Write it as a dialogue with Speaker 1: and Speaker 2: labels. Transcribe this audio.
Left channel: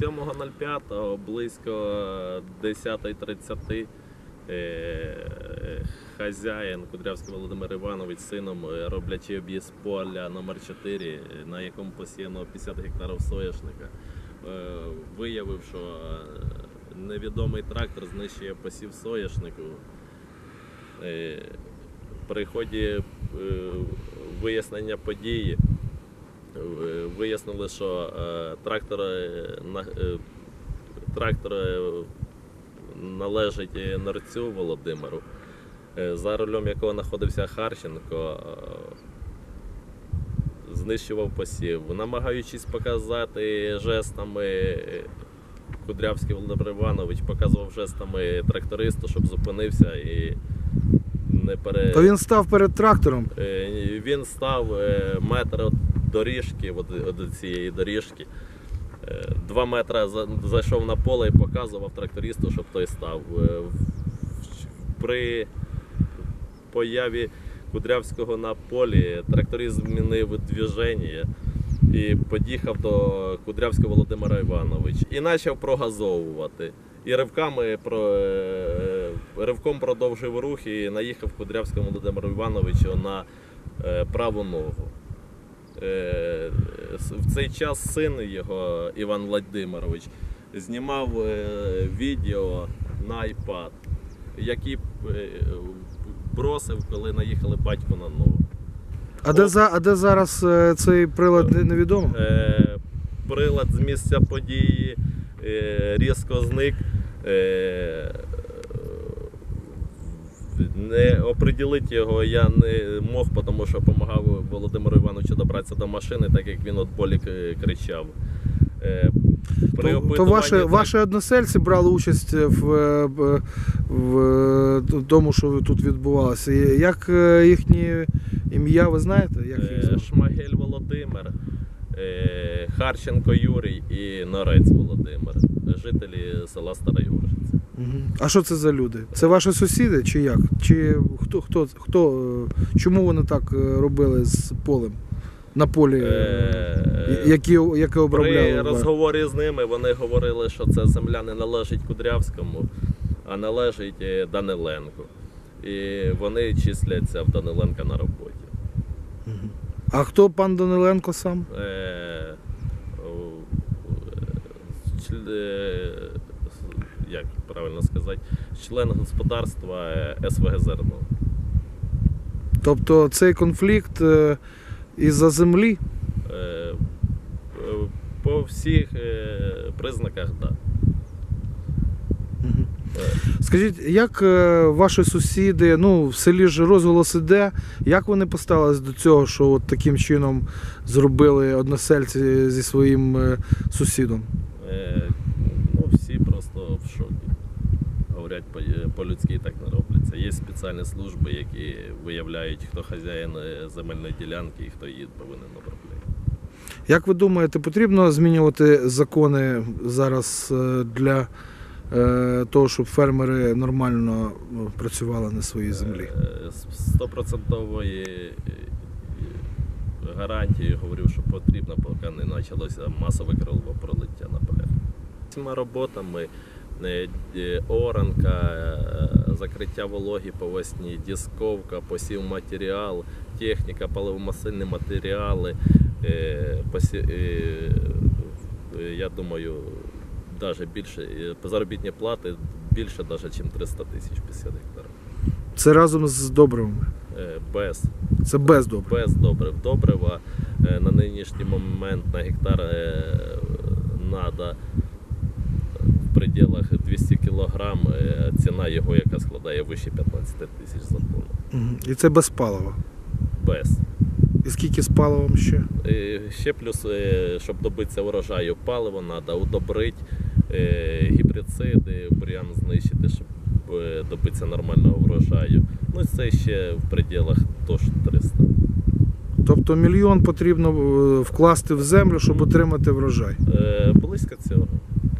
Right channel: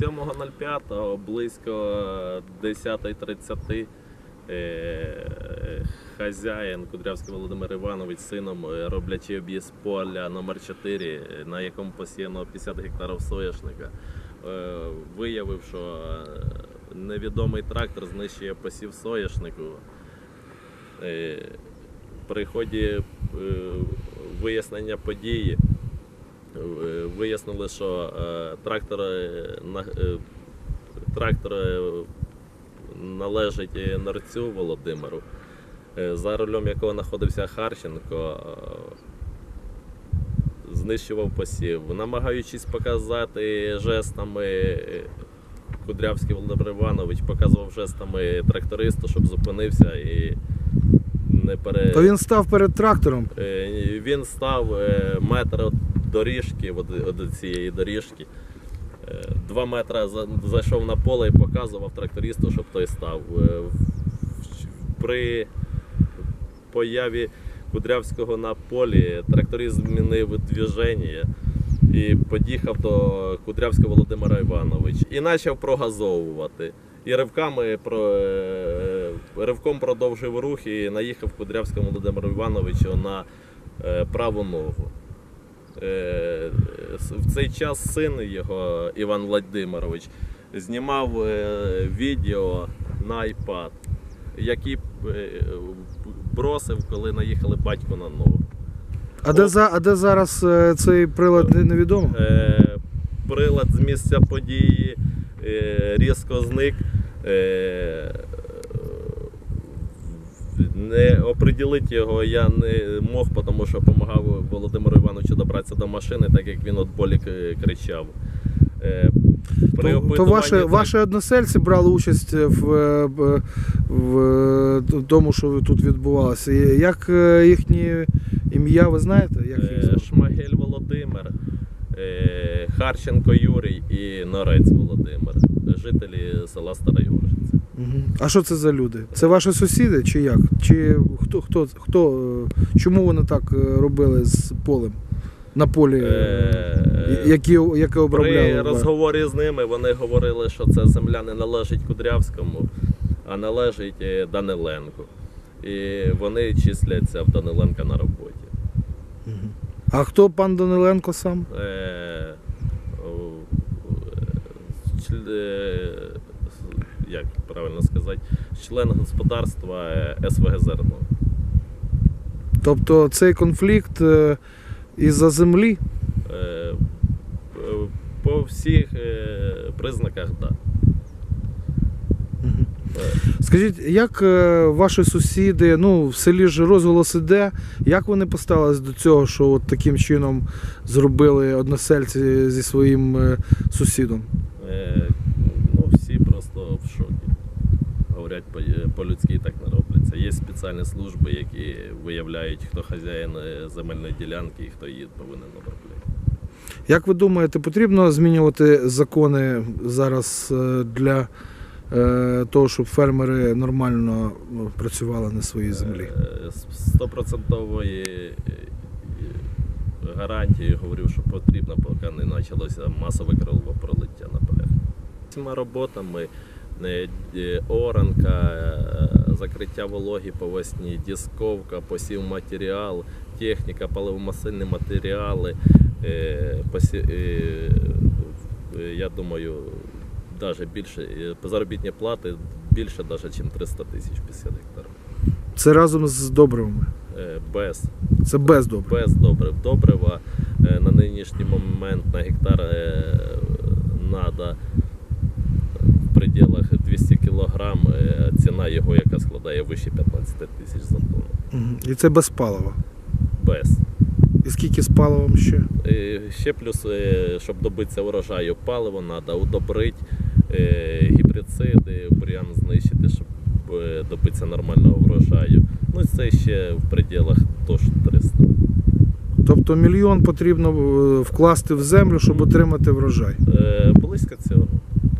Speaker 1: 7.05 близько 10.30 е, хазяїн Кудрявський Володимир Іванович сином е, роблячи об'їзд поля номер 4 е, на якому посіяно 50 гектарів соняшника, виявив, що невідомий трактор знищує посів соняшнику. При ході вияснення події вияснили, що е, трактор, е, на- трактор належить е, Нарцю Володимиру, е, за рулем якого знаходився Харченко. Знищував посів, намагаючись показати жестами, Кудрявський Володимир Іванович показував жестами трактористу, щоб зупинився і не пере...
Speaker 2: То він став перед трактором.
Speaker 1: Він став метр доріжки, від, цієї доріжки. Е, Два метри зайшов на поле і показував трактористу, щоб той став. Е, При появі Кудрявського на полі тракторист змінив движення і під'їхав до Кудрявського Володимира Івановича і почав прогазовувати. І ривками е, ривком продовжив рух і наїхав Кудрявському Володимиру Івановичу на праву ногу. Е, В цей час син його, Іван Владимирович, знімав е, відео на iPad, який е, бросив, коли наїхали батько на ногу.
Speaker 2: А де, за, а де зараз цей прилад не- невідомо?
Speaker 1: Прилад з місця події різко зник. Е, не оприділити його я не мог, тому що допомагав Володимиру Івановичу добратися до машини, так як він от болі кричав. Е, при
Speaker 2: То, то ваші,
Speaker 1: так-
Speaker 2: ваші односельці брали участь в, е, в е, тому, що тут відбувалося. Як е, їхні ім'я, ви знаєте? Як їх
Speaker 1: Е,
Speaker 2: звати?
Speaker 1: Шмагель Володимир, е, Харченко Юрій і Норець Володимир, жителі села Стара
Speaker 2: А що це за люди? Це ваші сусіди чи як? Чи хто, хто, хто е, чому вони так е, робили з полем? На полі, е,
Speaker 1: Е,
Speaker 2: які, яке
Speaker 1: При
Speaker 2: обробляли?
Speaker 1: розговорі з ними вони говорили, що це земля не належить Кудрявському, а належить Даниленку. І вони числяться в Даниленка на роботі.
Speaker 2: А хто пан Даниленко сам?
Speaker 1: Е, як правильно сказати, член господарства е, СВГ Зерно.
Speaker 2: Тобто цей конфлікт е, із-за землі?
Speaker 1: Е, е, По всіх е, признаках, так. Да. Е,
Speaker 2: Скажіть, як е, ваші сусіди, ну в селі ж розголос іде, як вони поставились до цього, що от таким чином зробили односельці зі своїм е, сусідом?
Speaker 1: Е, Ну, всі просто в шокі. Говорять, е, по-людськи так не робляться. Є спеціальні служби, які виявляють, хто хазяїн е, земельної ділянки і хто її повинен обробляти.
Speaker 2: Як ви думаєте, потрібно змінювати закони зараз для того, щоб фермери нормально працювали на своїй землі?
Speaker 1: Стопроцентової гарантії говорю, що потрібно, поки не почалося масове кровопролиття на полях. Цими роботами е, е, оранка, е, закриття вологі по весні, дісковка, посів матеріал, техніка, паливомасильні матеріали. Я думаю, навіть більше заробітні плати більше, навіть, ніж 300 тисяч 50 гектарів.
Speaker 2: Це разом з добривами.
Speaker 1: Без,
Speaker 2: Це без добрив.
Speaker 1: без добрив. Добрива е, на нинішній момент на гектар треба в пределах 200 кг, ціна його, яка складає вище 15 тисяч за тонну.
Speaker 2: І це без палива.
Speaker 1: Без.
Speaker 2: І скільки з паливом ще?
Speaker 1: Е, Ще плюс, е, щоб добитися урожаю, паливо треба удобрити, е, гібрициди, бур'ян знищити, щоб е, добитися нормального врожаю. Ну це ще в пределах тож 300.
Speaker 2: Тобто мільйон потрібно е, вкласти в землю, щоб отримати врожай.
Speaker 1: Е, Близько цього.